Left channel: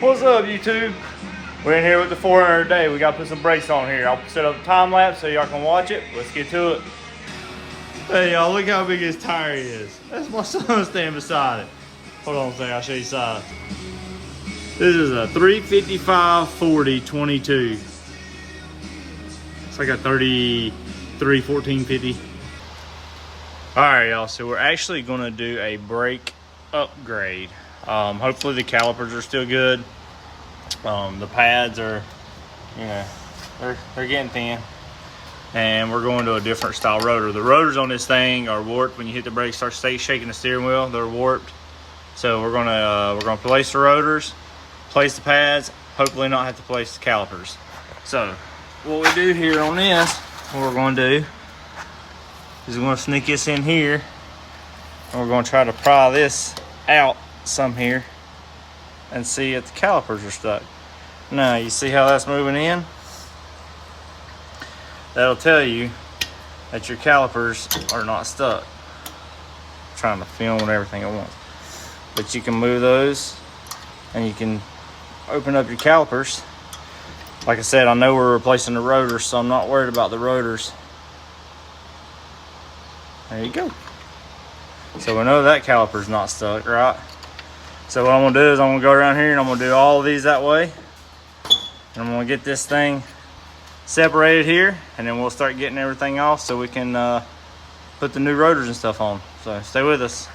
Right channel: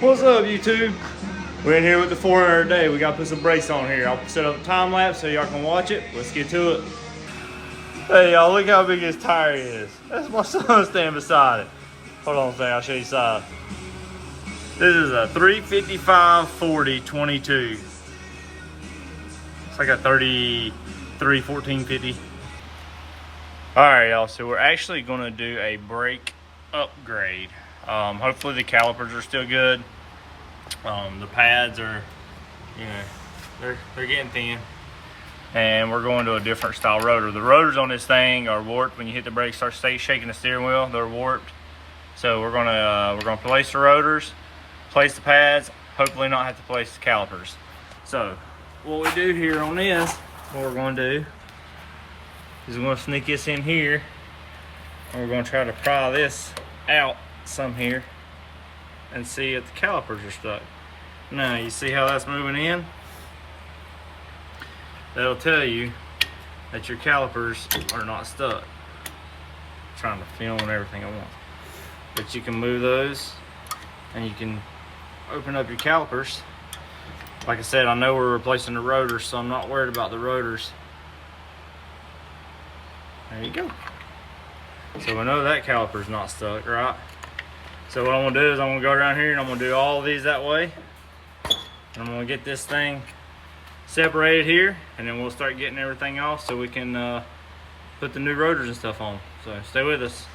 What's up, YouTube? We're in here with the 4Runner today. We got to put some brakes on here. I'll set up a time lapse so y'all can watch it. Let's get to it. Hey, y'all, look how big his tire is. That's my son standing beside it. Hold on a second, I'll show you size. This is a 355/40/22. It's like a 33 1450. All right, y'all. So we're actually going to do a brake upgrade. Hopefully the calipers are still good. The pads are, you know, they're getting thin, and we're going to a different style rotor. The rotors on this thing are warped. When you hit the brake, start shaking the steering wheel, they're warped. So we're gonna place the rotors, place the pads, hopefully not have to place the calipers. So what we do here on this, what we're going to do is we're going to sneak this in here, and we're going to try to pry this out some here and see if the calipers are stuck. Now you see how that's moving in? That'll tell you that your calipers are not stuck. I'm trying to film and everything at once. But you can move those and you can open up your calipers. Like I said, I know we're replacing the rotors, so I'm not worried about the rotors. There you go. So we know that caliper's not stuck, right? So what I'm gonna do is I'm gonna go around here and I'm gonna do all of these that way. And I'm gonna get this thing separated here, and then we'll start getting everything off so we can put the new rotors and stuff on. So stay with us.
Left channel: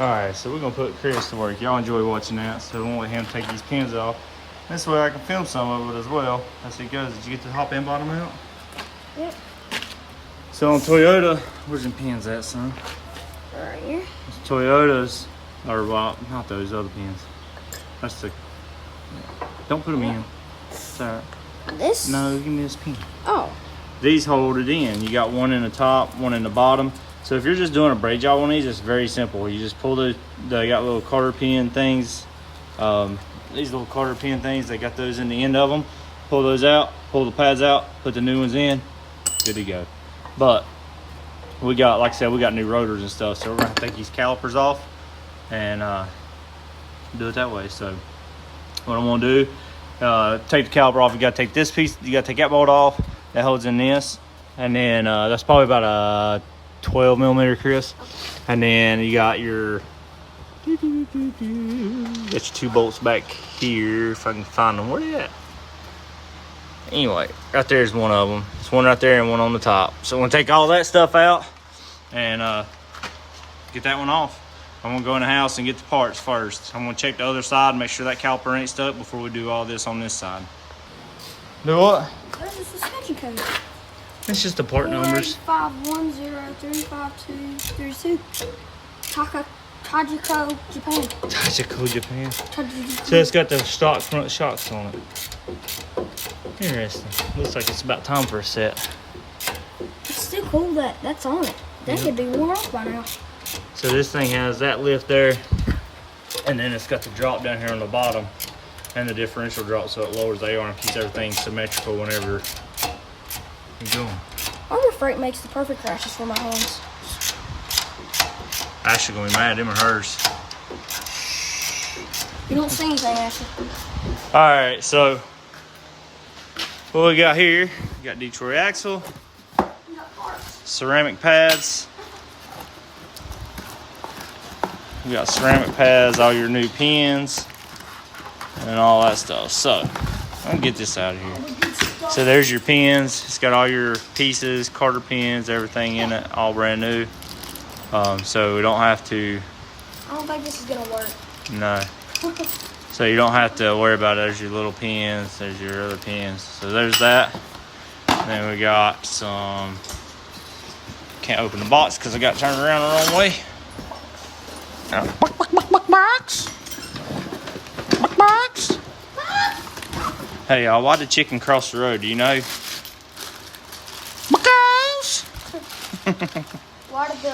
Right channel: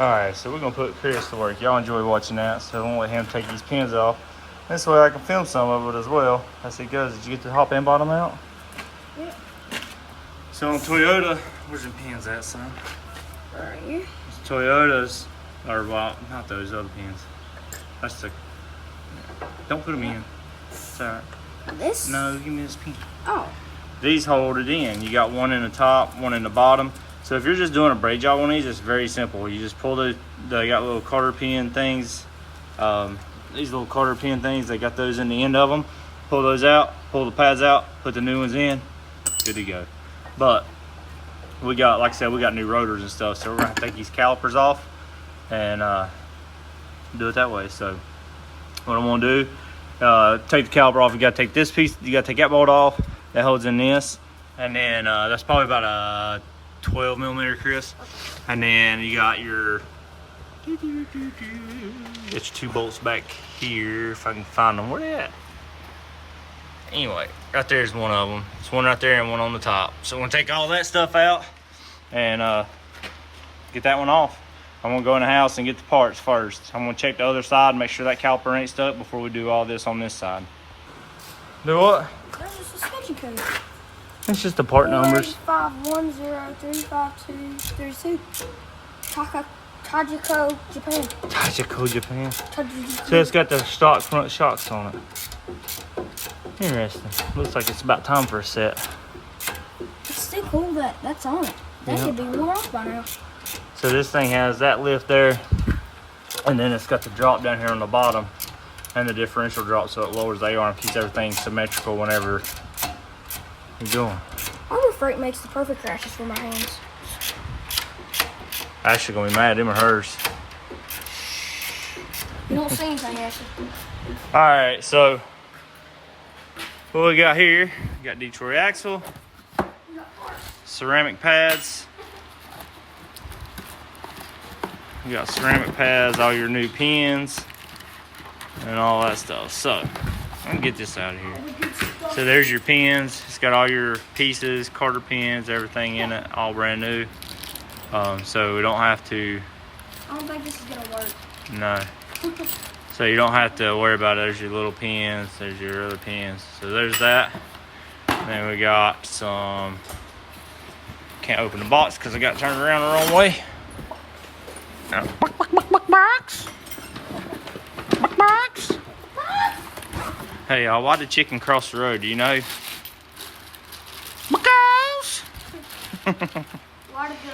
All right, so we're gonna put Chris to work. Y'all enjoy watching that, so I'm gonna let him take these pins off. This way I can film some of it as well as it goes. Did you get the top and bottom out? Yep. So on Toyota, where's the pins at, son? Right here. It's Toyotas, or well, not those other pins. That's the, don't put them in. It's all right. This? No, give me this pin. Oh. These hold it in. You got one in the top, one in the bottom. So if you're just doing a braid job on these, it's very simple. You just pull they got little cotter pin things. These little cotter pin things, they got those in the end of them. Pull those out, pull the pads out, put the new ones in, good to go. But we got, like I said, we got new rotors and stuff, so we're gonna have to take these calipers off and do it that way. So what I'm gonna do, take the caliper off. You gotta take this piece, you gotta take that bolt off that holds in this, and then that's probably about a 12 millimeter, Chris. And then you got your two bolts back here, if I can find them. Where they at? Anyway, right there's one of them. There's one right there and one on the top. So I'm gonna take all that stuff out and get that one off. I'm gonna go in the house and get the parts first. I'm gonna check the other side, make sure that caliper ain't stuck before we do all this on this side. Do what? There's a suspension code. It's just the part numbers. 510352332. Tajiko, Japan. Tajiko, Japan. So it's got the stock front shocks on it. Interesting. Looks like it's about time for a set. It's still cool that that's on it. That should be worn off by now. So this thing has that lift there, and then it's got the drop down here on the bottom, and the differential drop, so it lowers the AR and keeps everything symmetrical whenever you're going. Harbor Freight makes the perfect crashes for my hands. Ashley gonna be mad. Them are hers. You don't see anything, Ashley. All right, so what we got here? We got Detroit axle, ceramic pads. You got ceramic pads, all your new pins, and all that stuff. So I can get this out of here. So there's your pins. It's got all your pieces, Carter pins, everything in it, all brand new. So we don't have to. I don't think this is gonna work. No. So you don't have to worry about it. There's your little pins. There's your other pins. So there's that. Then we got some. Can't open the box because I got turned around the wrong way. Box. Box. Hey y'all, why did chicken cross the road? Do you know? Because. Why did the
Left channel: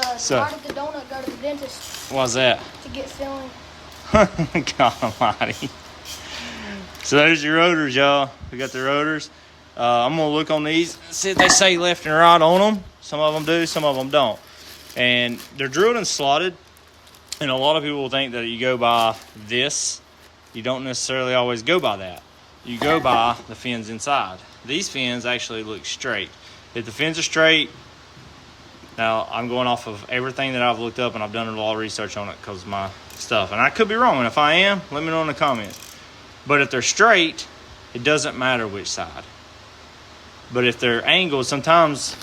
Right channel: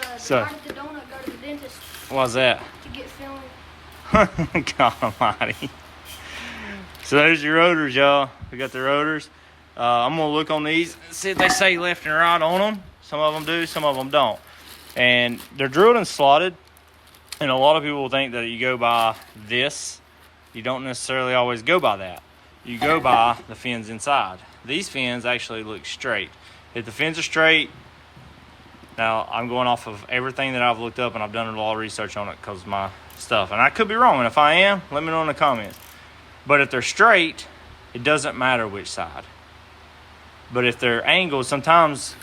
donut go to the dentist? Why's that? To get filmed. God almighty. So there's your rotors, y'all. We got the rotors. I'm gonna look on these and see if they say left and right on them. Some of them do, some of them don't. And they're drilled and slotted. And a lot of people think that you go by this you don't necessarily always go by that. You go by the fins inside. These fins actually look straight. If the fins are straight, now I'm going off of everything that I've looked up, and I've done a lot of research on it because of my stuff. And I could be wrong, and if I am, let me know in the comments. But if they're straight, it doesn't matter which side. But if they're angled, sometimes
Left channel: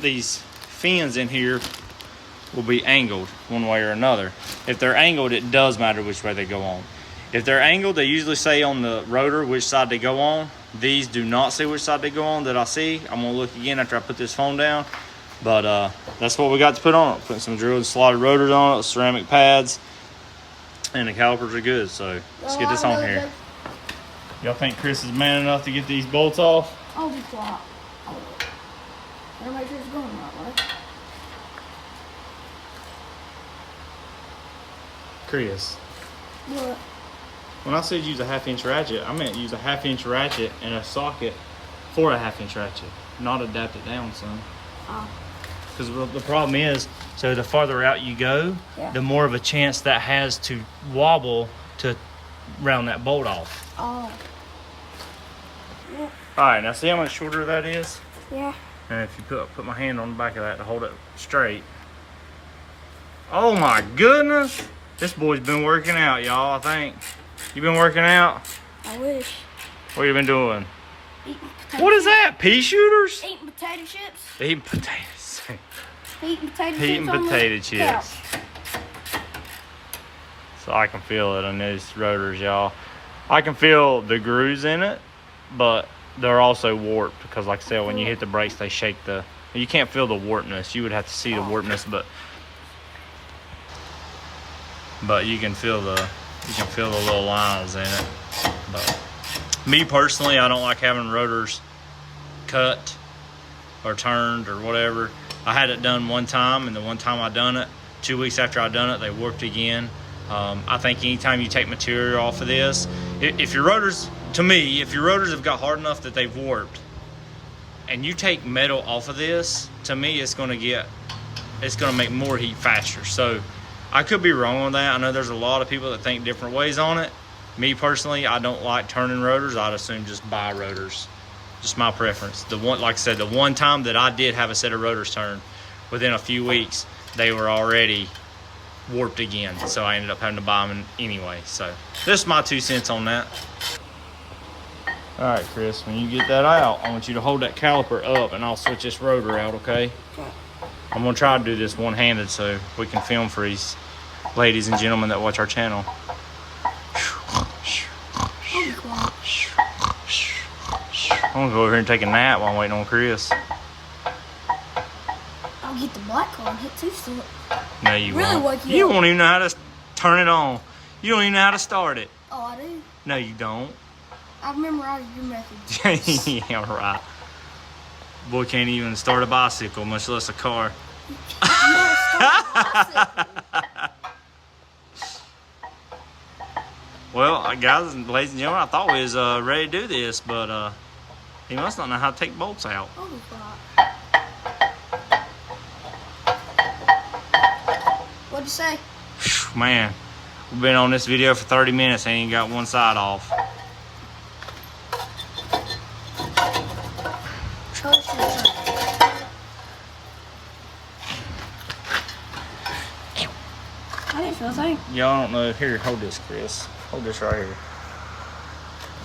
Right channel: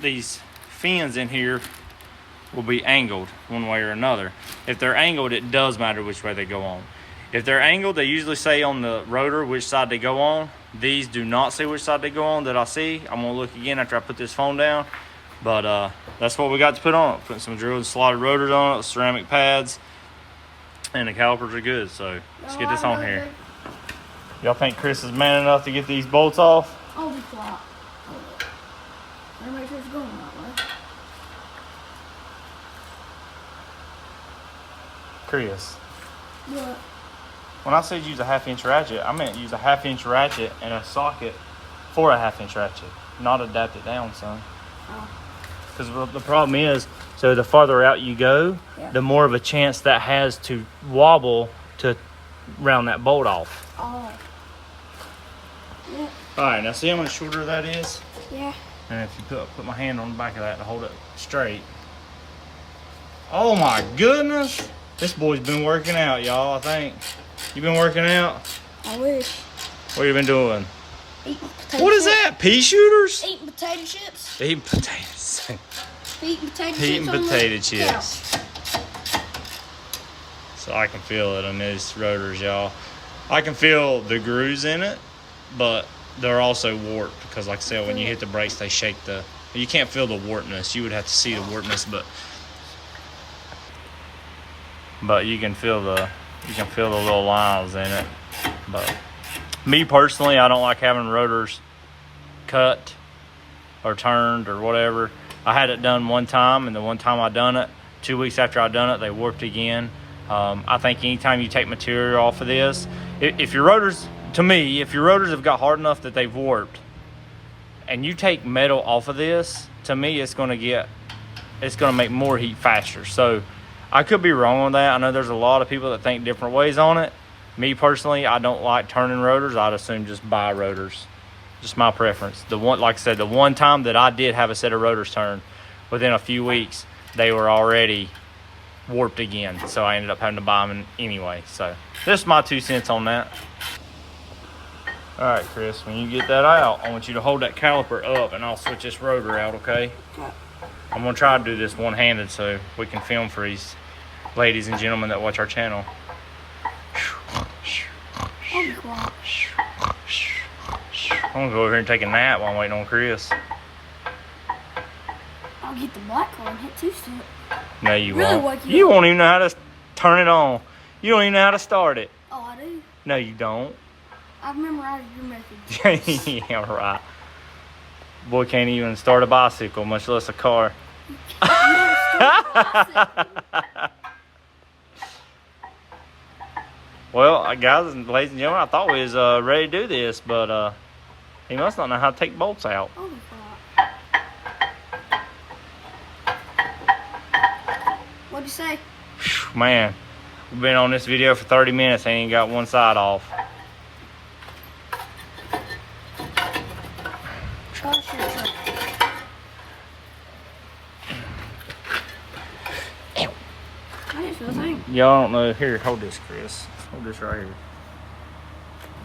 these fins in here will be angled one way or another. If they're angled, it does matter which way they go on. If they're angled, they usually say on the rotor which side they go on. These do not say which side they go on that I see. I'm gonna look again after I put this phone down. But that's what we got to put on it. Putting some drilled and slotted rotors on it, ceramic pads, and the calipers are good. So let's get this on here. Y'all think Chris is man enough to get these bolts off? I'll be quiet. Better make sure it's going the right way. Chris. What? When I said use a 1/2-inch ratchet, I meant use a 1/2-inch ratchet and a socket for a 1/2-inch ratchet, not adapt it down, son. Oh. Because the problem is, so the farther out you go, Yeah. the more of a chance that has to wobble to round that bolt off. Oh. Yeah. All right, now see how much shorter that is? Yeah. And if you put my hand on the back of that to hold it straight. Oh my goodness. This boy's been working out, y'all, I think. You been working out? I wish. What you been doing? Eating potato What is chips. that? Pea shooters? Eating potato chips. Eating potatoes. Eating potato Eating chips. on the potato couch. chips. So I can feel it on these rotors, y'all. I can feel the grooves in it, but they're also warped because, like I said, when you hit the brakes, they shake the. You can't feel the warpness. You would have to see the warpness, but you can feel the little lines in it. But me personally, I don't like having rotors cut or turned or whatever. I had it done one time, and the one time I done it, 2 weeks after I done it, they warped again. I think anytime you take material off of this, if your rotors, to me, if your rotors have got hard enough that they've warped, and you take metal off of this, to me, it's gonna make more heat faster. So I could be wrong on that. I know there's a lot of people that think different ways on it. Me personally, I don't like turning rotors. I'd assume just buy rotors. Just my preference. Like I said, the one time that I did have a set of rotors turned, within a few weeks, they were already warped again. So I ended up having to buy them anyway. So this is my 2 cents on that. All right, Chris, when you get that out, I want you to hold that caliper up, and I'll switch this rotor out, okay? Okay. I'm gonna try to do this one-handed so we can film for these ladies and gentlemen that watch our channel. I'll be quiet. I'm gonna go over here and take a nap while I'm waiting on Chris. I'll get the black car and hit 2-step. No, you Really won't. working You out. won't even know how to turn it on. You don't even know how to start it. Oh, I do. No, you don't. I've memorized your method. Yeah, right. Boy can't even start a bicycle, much less a car. Well, guys and ladies and gentlemen, I thought we was ready to do this, but he must not know how to take bolts out. I'll be quiet. What'd you say? Whew, man, we've been on this video for 30 minutes and ain't got one side off. I didn't feel a thing. Y'all don't know. Here, hold this, Chris. Hold this right here.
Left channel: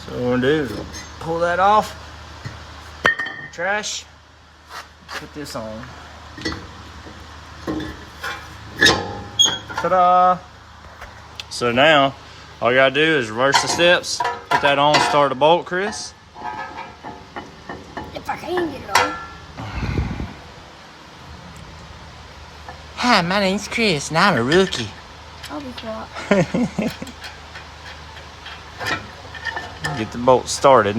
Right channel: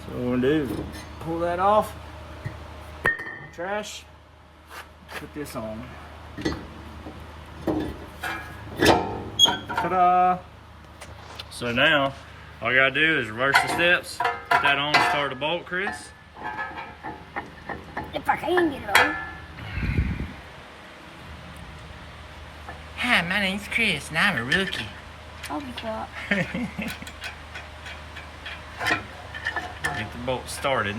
So what we're gonna do is pull that off. Trash. Put this on. Ta-da! So now, all you gotta do is reverse the steps. Put that on, start the bolt, Chris. If I can get it on. Hi, my name's Chris, and I'm a rookie. I'll be quiet. Get the bolt started.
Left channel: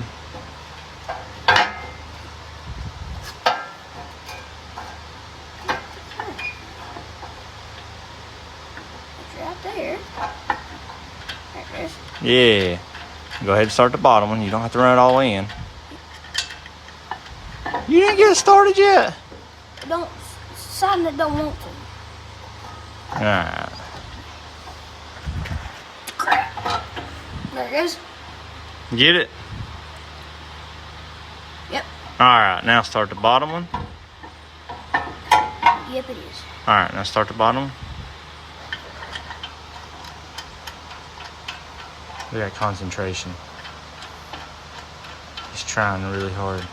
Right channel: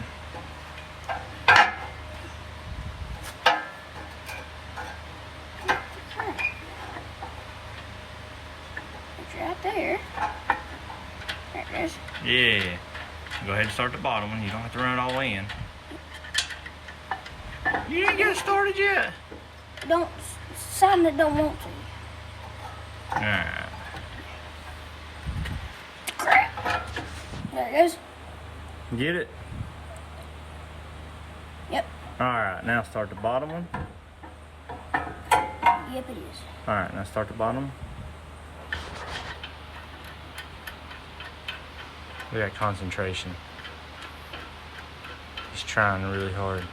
It's right there. There it is. Yeah. Go ahead and start the bottom one. You don't have to run it all in. You didn't get it started yet? Don't, something that don't want to. Alright. There it goes. Get it? Yep. Alright, now start the bottom one. Yep, it is. Alright, now start the bottom one. Look at that concentration. He's trying really hard.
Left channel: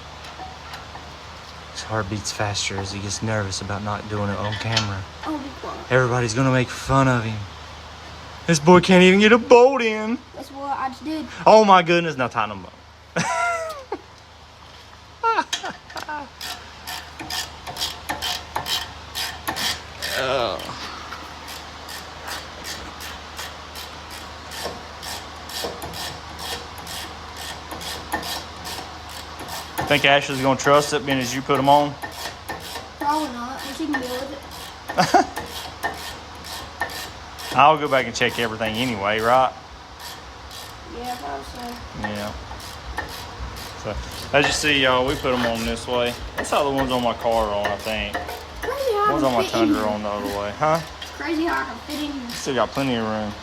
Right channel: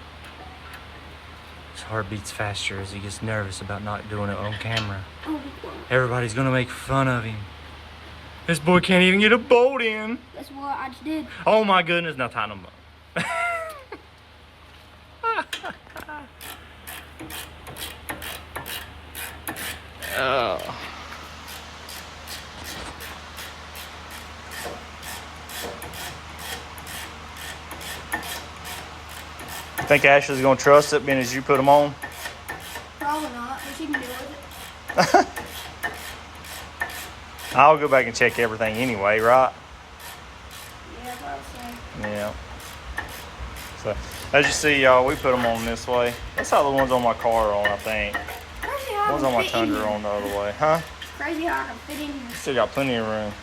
His heart beats faster as he gets nervous about not doing it on camera. Oh, Everybody's gonna make fun of him. This boy can't even get a bolt in. that's what I just did. Oh my goodness, now tighten them up. Oh. Think Ashley's gonna trust it, being as you put them on? Probably not, but she can deal with it. I'll go back and check everything anyway, right? Yeah, probably so. Yeah. So, as you see, y'all, we put them on this way. That's how the ones on my car are on, I think. Crazy how Ones I on my can fit in Tundra are on the other way. Huh? It's crazy how I can fit in here. Still got plenty of room.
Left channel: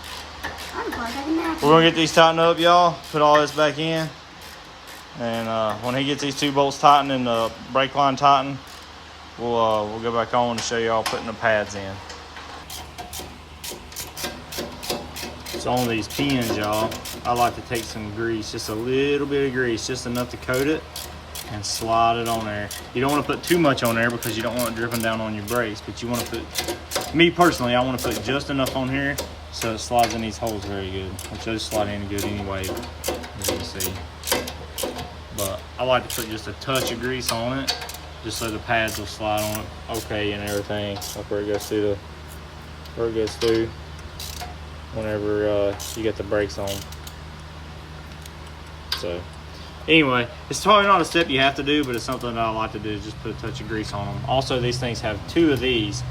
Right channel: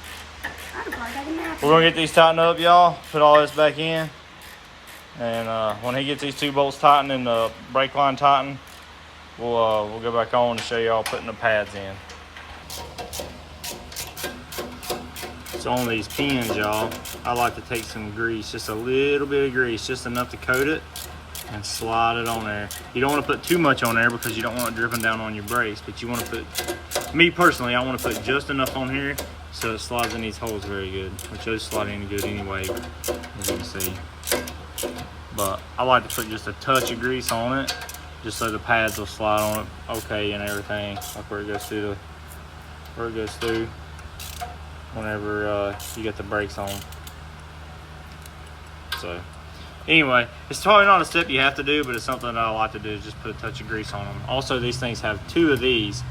I can probably take a nap. We're gonna get these tightened up, y'all. Put all this back in. And when he gets these two bolts tightened and the brake line tightened, we'll go back on and show y'all putting the pads in. So on these pins, y'all, I like to take some grease, just a little bit of grease, just enough to coat it and slide it on there. You don't want to put too much on there because you don't want it dripping down on your brakes, but you want to put, me personally, I want to put just enough on here so it slides in these holes very good, which those slide in good anyway, as you can see. But I like to put just a touch of grease on it, just so the pads will slide on it okay and everything. Look where it goes through whenever you get the brakes on. So anyway, it's probably not a step you have to do, but it's something that I like to do, is just put a touch of grease on them. Also, these things have two of these.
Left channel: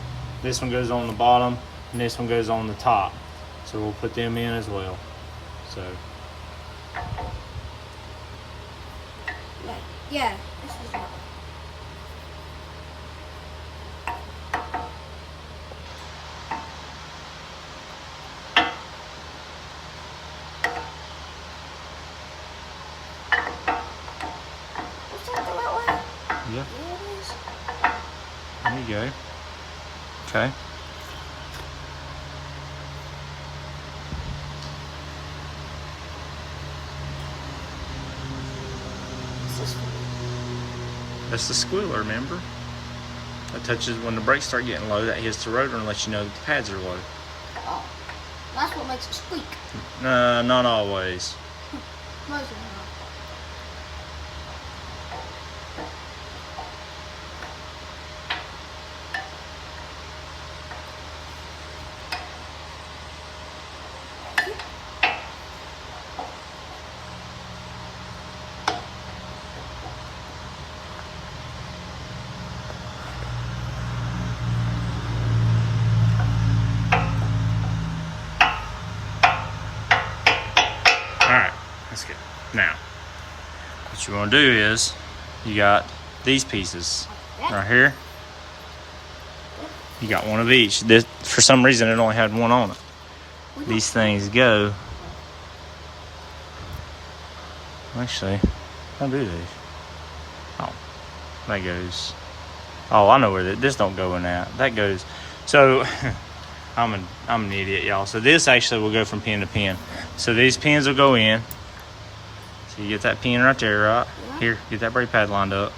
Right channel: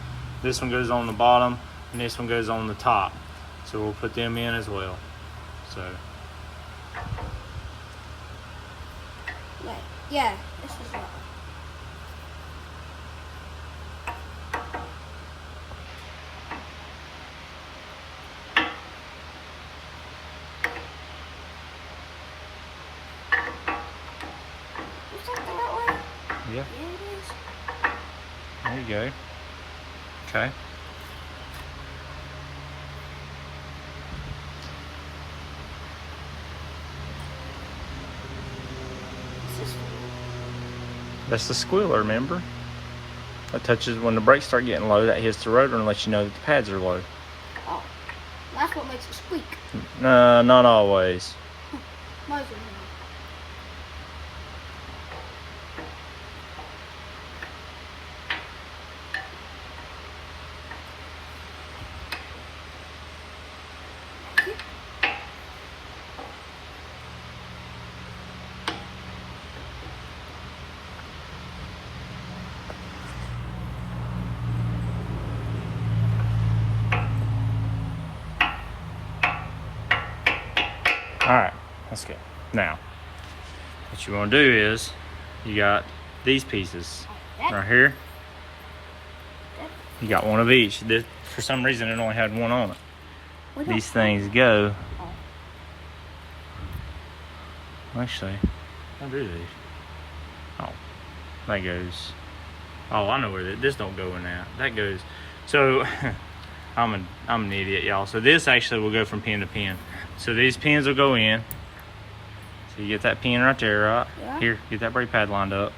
This one goes on the bottom and this one goes on the top. So we'll put them in as well. So Yeah, this is it. Is that the right way? yeah, Yeah, it is. there you go. Okay. This is cool. That's the squealer, remember? That touches when the brakes start getting low, that hits the rotor and lets you know that the pads are low. Oh, that's what makes it squeak. Not always. Mostly not. Alright, that's good. Now, what you want to do is, you got these pieces right here. You got one of each. This, for some reason, it only had one on it. These things go. Actually, I'll do these. Oh, that goes. Oh, I know where this don't go in that. That goes. So, I'm an idiot, y'all. So this actually will go from pin to pin. So these pins will go in. So you get that pin right there, right? Yeah. Here, get that brake pad lined up.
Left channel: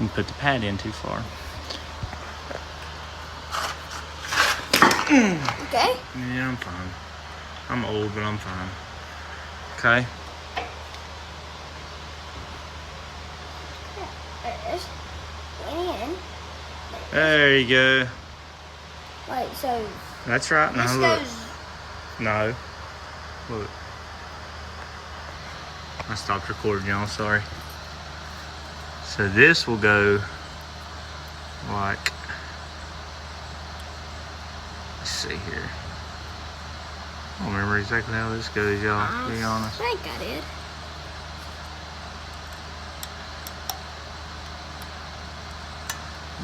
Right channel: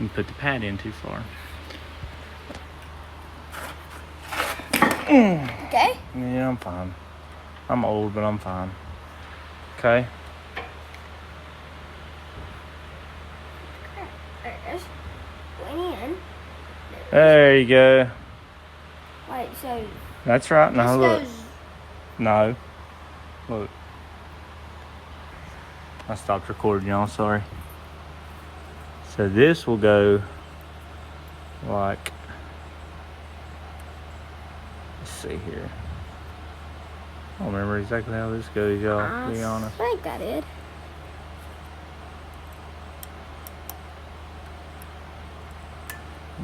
You put the pad in too far. Okay. Yeah, I'm fine. I'm old, but I'm fine. Okay. There's going in. There you go. Wait, so That's right. this Now look. goes. No. Look. I stopped recording, y'all. Sorry. So this will go like. Let's see here. I don't remember exactly how this goes, y'all, to be honest. I think I did.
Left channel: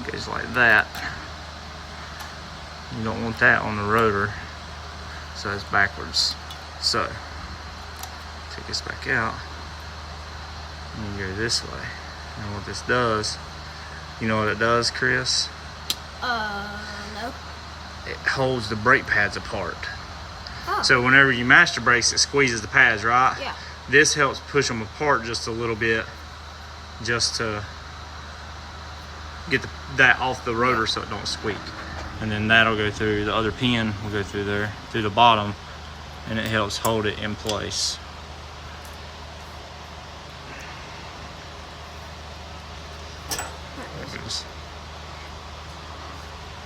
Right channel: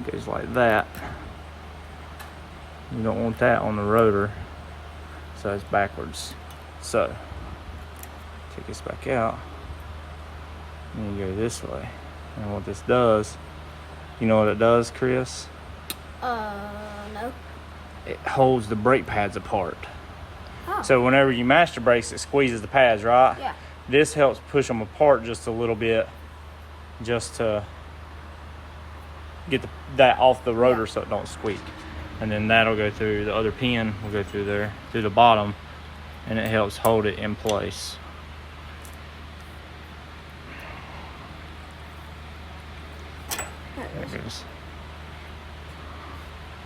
It goes like that. You don't want that on the rotor, so it's backwards. So take this back out and go this way. And what this does, you know what it does, Chris? No. It holds the brake pads apart. Oh. So whenever you master brakes, it squeezes the pads, right? Yeah. This helps push them apart just a little bit, just to get that off the rotor, so it don't squeak. And then that'll go through the other pin, will go through there, through the bottom, and it helps hold it in place. There it is.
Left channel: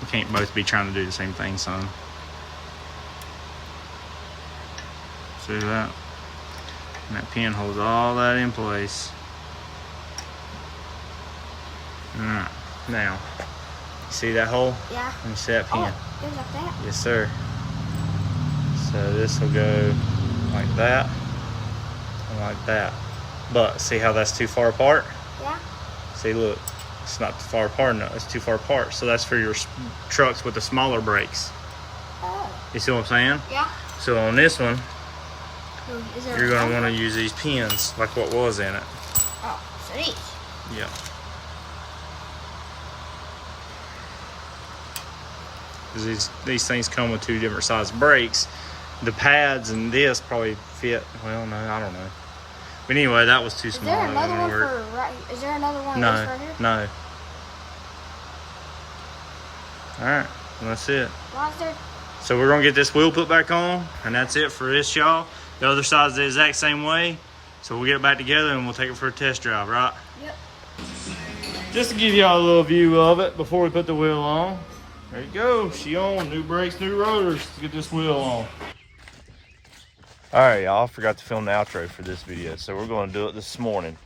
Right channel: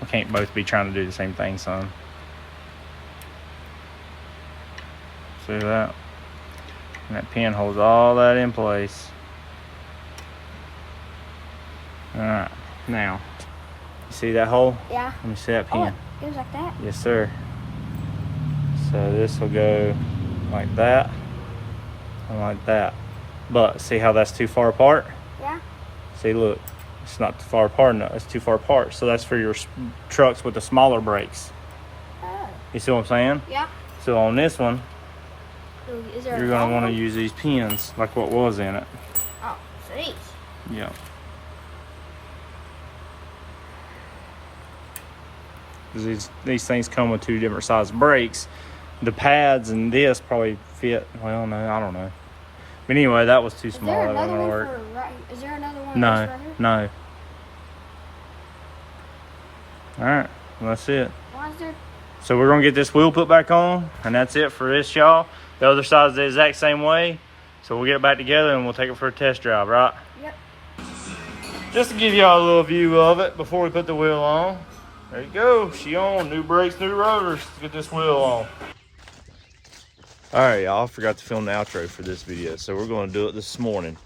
We can't both be trying to do the same thing, son. See that? And that pin holds all that in place. Alright, now, see that hole? Yeah. Let me see that pin. Oh, there's like that. Yes, sir. So this will go like that and like that. But see how that's too far apart? Yeah. See, look, it's not too far apart enough. It's too far apart. So that's for your trucks with the smaller brakes. Oh. You see what I'm saying? Yeah. So on this one, Is there you're going to another want to one? use these pins like what was in it. Oh, so these. Yeah. These things come with two different size brakes. The pads and this probably fit. Well, no, I don't know. But anyway, that was too Is small. there That another wouldn't one work. for right? Is there another one No, of those right here? no. All right, well, that's it. Why is there? So we're gonna get this wheel put back on, and that's it for this, y'all. The other side's the exact same way. So we'll get it back together and we'll take it for a test drive, right? Yep. Just to give y'all a little view of it before we put the wheel on. There you go, she on. New brakes, new rotors. Let's get this wheel on. All right, y'all, I forgot to film the outro for this video, so we're gonna do it this morning.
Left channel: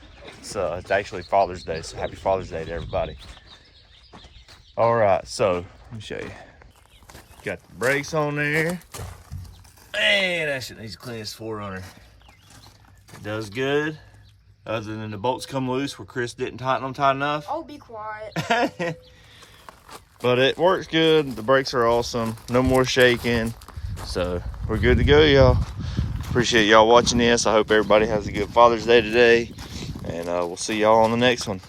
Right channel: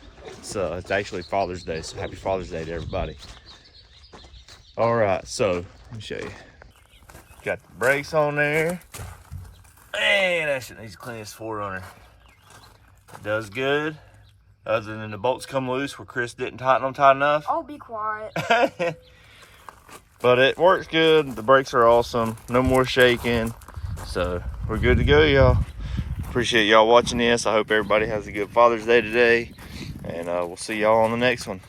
It's actually Father's Day, so happy Father's Day to everybody. All right, so let me show you. Got the brakes on there. Man, that shit needs to clean this 4Runner. It does good, other than the bolts come loose where Chris didn't tighten them tight enough. Oh, be quiet. But it works good. The brakes are awesome. No more shaking. So we're good to go, y'all. Appreciate y'all watching this. I hope everybody has a good Father's Day today. And we'll see y'all on the next one.